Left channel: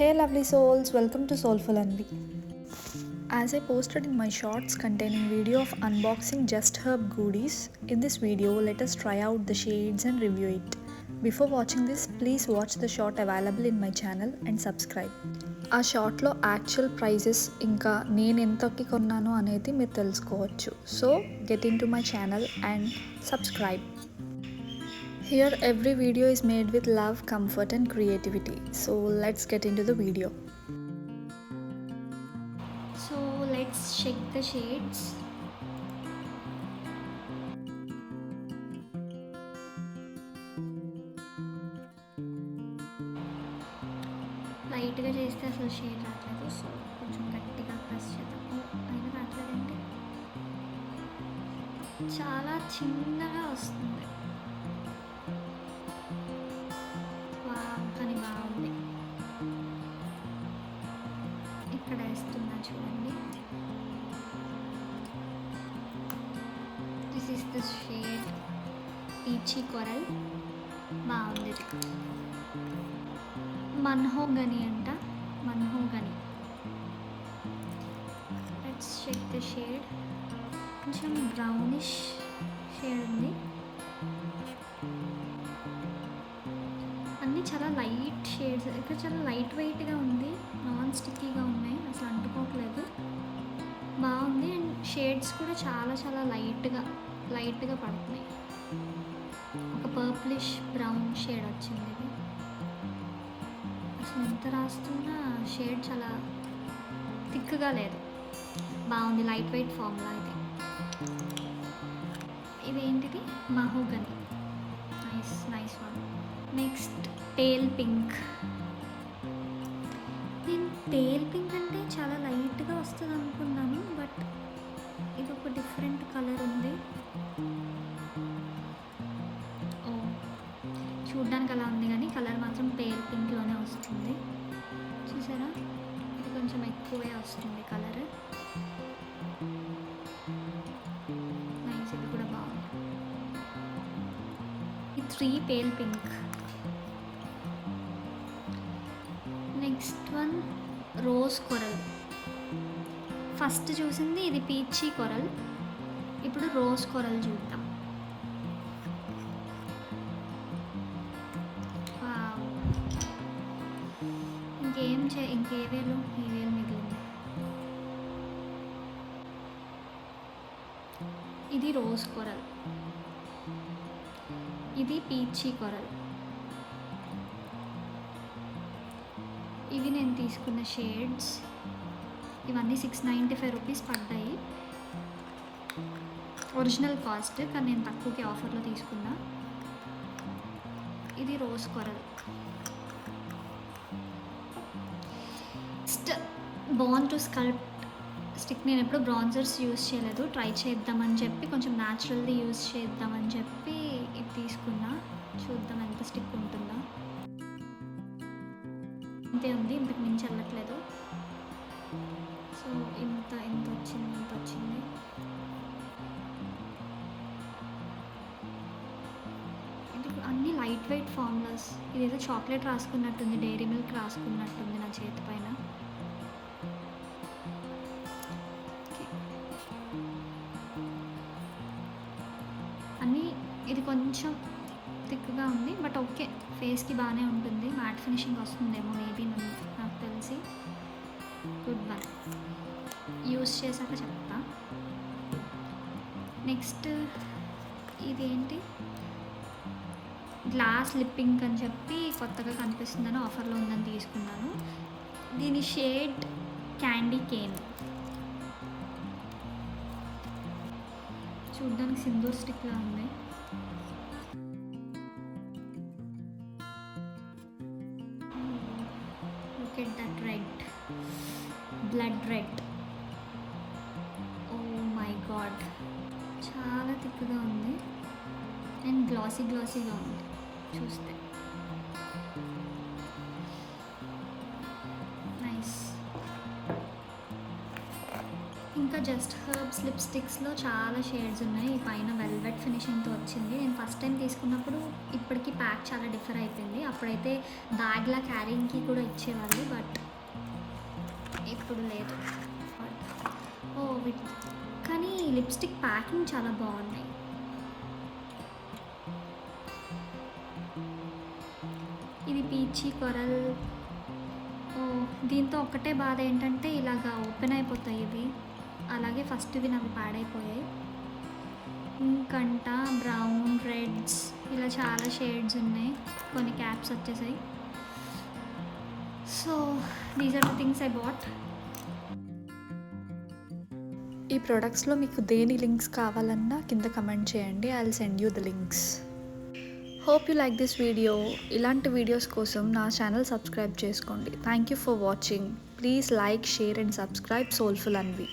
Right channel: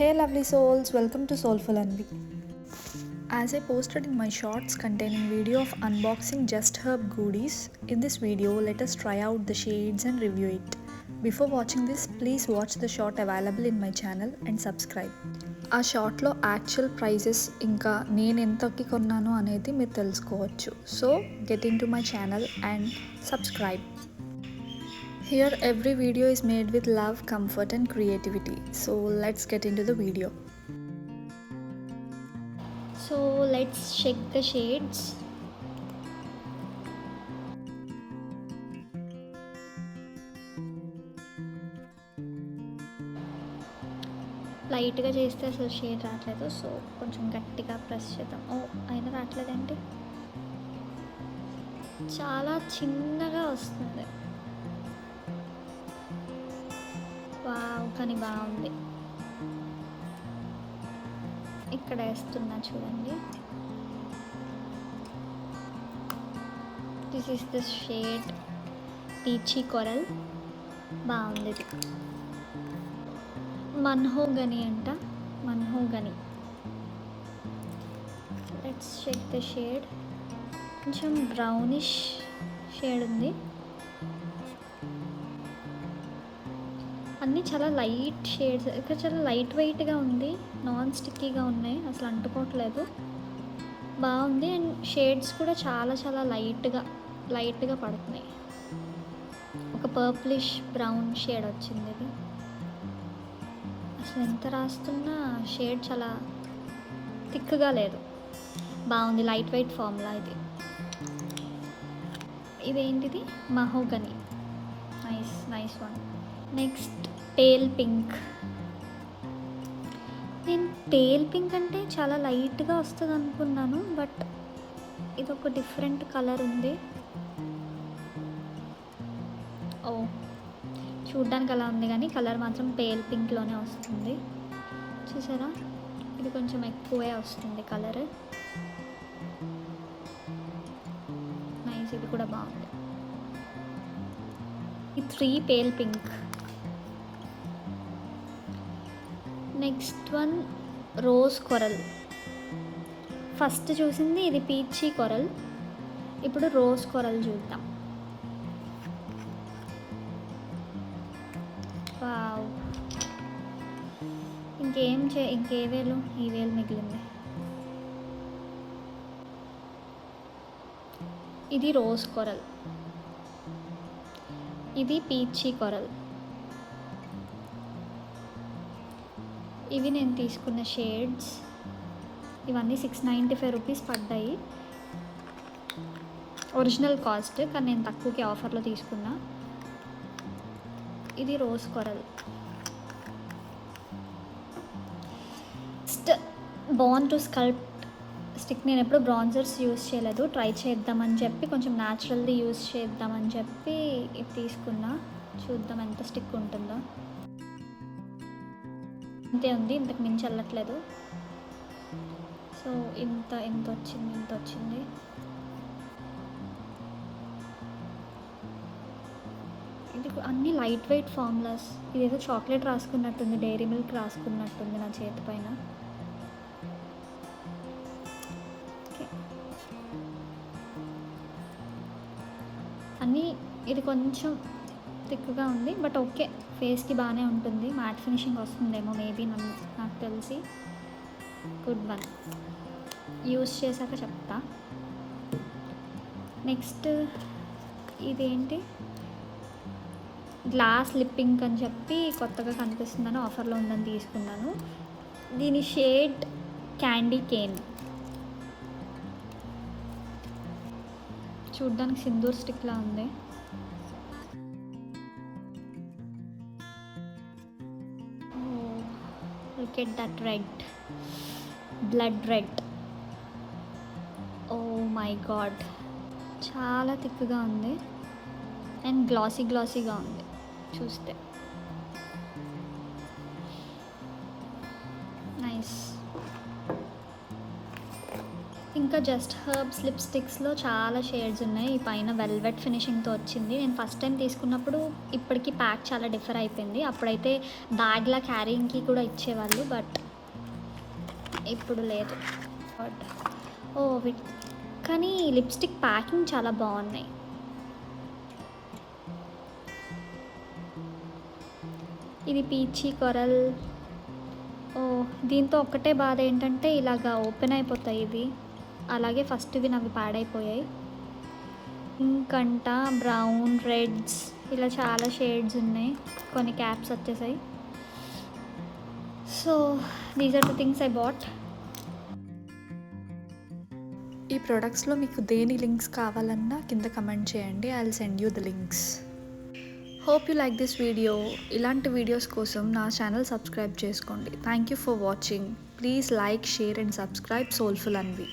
Hey lovely souls, welcome to Soulful Envy. As I posted in my shorts containing video of unboxing Just Herb goodies, in this video let us try out the shades and review it. Before watching this, please watch the short available in my channel and subscribe. ఆ షార్ట్లో actual prices ఇంకా నేను ఎంతకి కొన్నాను అనేది మీరు తెలుసుకోవచ్చు. So get in to my channel and subscribe. Here every video is made with love, comfort and creativity. So let's get into the video. So let's check the shades. లైట్గా చేస్తే అసలు షేడ్ రావట్లేదు, సో కొంచెం గట్టిగా press చేద్దాం. అయినా రావట్లేదండి, చాలా చిన్నగా వస్తుంది. వావ్, కానీ బాగుంది. ఇక్కడ వేస్తున్నా చూడండి. This is the shade peachy coral. బాగుంది. ఇది మన్హోగని అంట, mahogany. Let's check the shade. కొంచెం బ్రౌనిష్ షేడ్ ఉంది. అన్నీ చాలా లైట్ షేడ్స్. ఇక్కడ చాలా లైట్ వెయిట్గా ఉంది, నాన్ స్టిక్కీగా ఉన్నాయి, అసలు అంటుకోవట్లేదు. బాగుంది. అండ్ షేడ్స్ కూడా చాలా చాలా లైట్గా పడుతున్నాయి. ఒక పర్ప్లిష్ బ్రౌన్ షేడ్ వచ్చింది. ఇది అసలు ఎంత రాస్తున్నా షేడ్ చాలా థిక్గా లేదు. బాగుంది, లైట్ వెయిట్ ఫార్ములా ఇది. ఇదేంటిది? Mahogany. Nice one. Next pale pink. నేను పేల్ పింక్ అంటే చాలా లైట్గా వస్తుంది అనుకున్నాను, బట్ ఇది ఒక డిఫరెంట్ కలర్ ఉంది. చూడ్డానికి అలా ఉంది కానీ కలర్ మాత్రం పేల్ పింక్లోనే వస్తుంది. చూసారా, ఇది కొంచెం ఎక్కువే వస్తుంది కలర్. నైస్, ఇది కూడా బాగుంది. ఈ 3 pale pink. Next one rose coral. First చూసింది ఇది పీచీ కొరల్, ఇప్పుడు రోజ్ కొరల్ చూద్దాం. వావ్, ఇంకే వేలు, ఈ వేలు మిగిలింది. ఇది రోజ్ కొరల్, ఇది పీచీ కొరల్. ఇవి నేను తీసుకున్న షేడ్స్. ఇవన్నీ 695 రూపీస్ పడ్డాయి. ఒరిజినల్ కాస్ట్, కానీ నేను తక్కువకి ఆఫర్లో తీసుకున్నా. ఇది rose coral. Next bon to sculpt stick. నేను ఎప్పుడు బ్రాన్జర్స్ యూస్ చేయలేదు, ట్రై చేద్దామని చెప్పి, కొంచెం న్యాచురల్ది యూస్ చేద్దామని చెప్పి ఇది తీసుకున్నా. చూద్దాం ఎంత స్టిక్ ఉంటుందో. ఇంతే ఉంది, ఇంతకు మించి వెళ్ళట్లేదు. సో ఇంత వచ్చింది. ఇది అన్నీ లైట్ వెయిట్ ఫార్ములాస్. ఇదేదో చాక్లెట్ రాసుకున్నట్టుంది, డైరీ మిల్క్ రాసుకున్నట్టుంది నా చేతి పైన. అన్నీ ఇది కొంచెం థిక్గా ఉంది, బట్ ఓకే, ఫేస్కి బాగానే ఉంటుంది. మ్యాట్ ఫినిషింగ్ వస్తుందేమో మేబీ, నాకు తెలిసి. గుడ్ వన్, యూస్ చేశాక చెప్తా. నెక్స్ట్ ఇదేంటి? గ్లాస్ లిప్పింగ్ అని చెప్పి కొత్తగా కనిపిస్తుందని ఆఫర్లో ఉందని తీసుకున్నాను. దీని షేడ్ క్యాండీ కేన్. చూడ్డానికి సింధూర్ స్టిక్లా ఉంది. Look at that red, blood red. Oh my god, చాలా థిక్గా ఉంది అండ్ గ్లాసీగా ఉంది చూస్తే. నైస్. ఇంకా జస్ట్ హర్బ్స్ లిప్స్టిక్స్లో చాలా షేడ్స్ ఉన్నాయి. ఈ పైన వెల్వెట్ ఫినిషింగ్తో వచ్చింది. నేను ఫస్ట్ టైం తీసుకున్నప్పుడు ఇప్పటికి ప్యాక్ చాలా డిఫర్ అయిపోయింది. అప్పుడైతే బ్యాగ్లా క్యారింగ్కి కూడా ఇచ్చేవాళ్ళు, బట్ ఇప్పుడు లేదు. ఓ కానీ లిప్స్టిక్ ప్యాకింగ్ చాలా బాగున్నాయి. ఇది పీచీ కొరల్. ఓ దీంతో ఒక్కటే బాధ ఏంటంటే ఇలాగా ఓపెన్ అయిపోతాయి ఇవి, అలాగే ఫస్ట్ ఇవి నావి పాడైపోయాయి. ఇంకంట బ్రౌన్, రెడ్స్ ఇలా చాలా షేడ్స్ ఉన్నాయి. కొన్ని క్యాప్స్ వచ్చేసాయి. So these are the things I bought. ఈ ప్రొడక్ట్స్లో మీకు దేని లింక్స్ కావాలన్నా కింద కమెంట్ చేయండి. I will send you the links. Hope you like this video. ఇలాంటి వీడియోస్ కోసం నా ఛానల్ సబ్స్క్రైబ్ చేసుకోండి. Thank you for watching. Please like, share and subscribe soulful Anvi.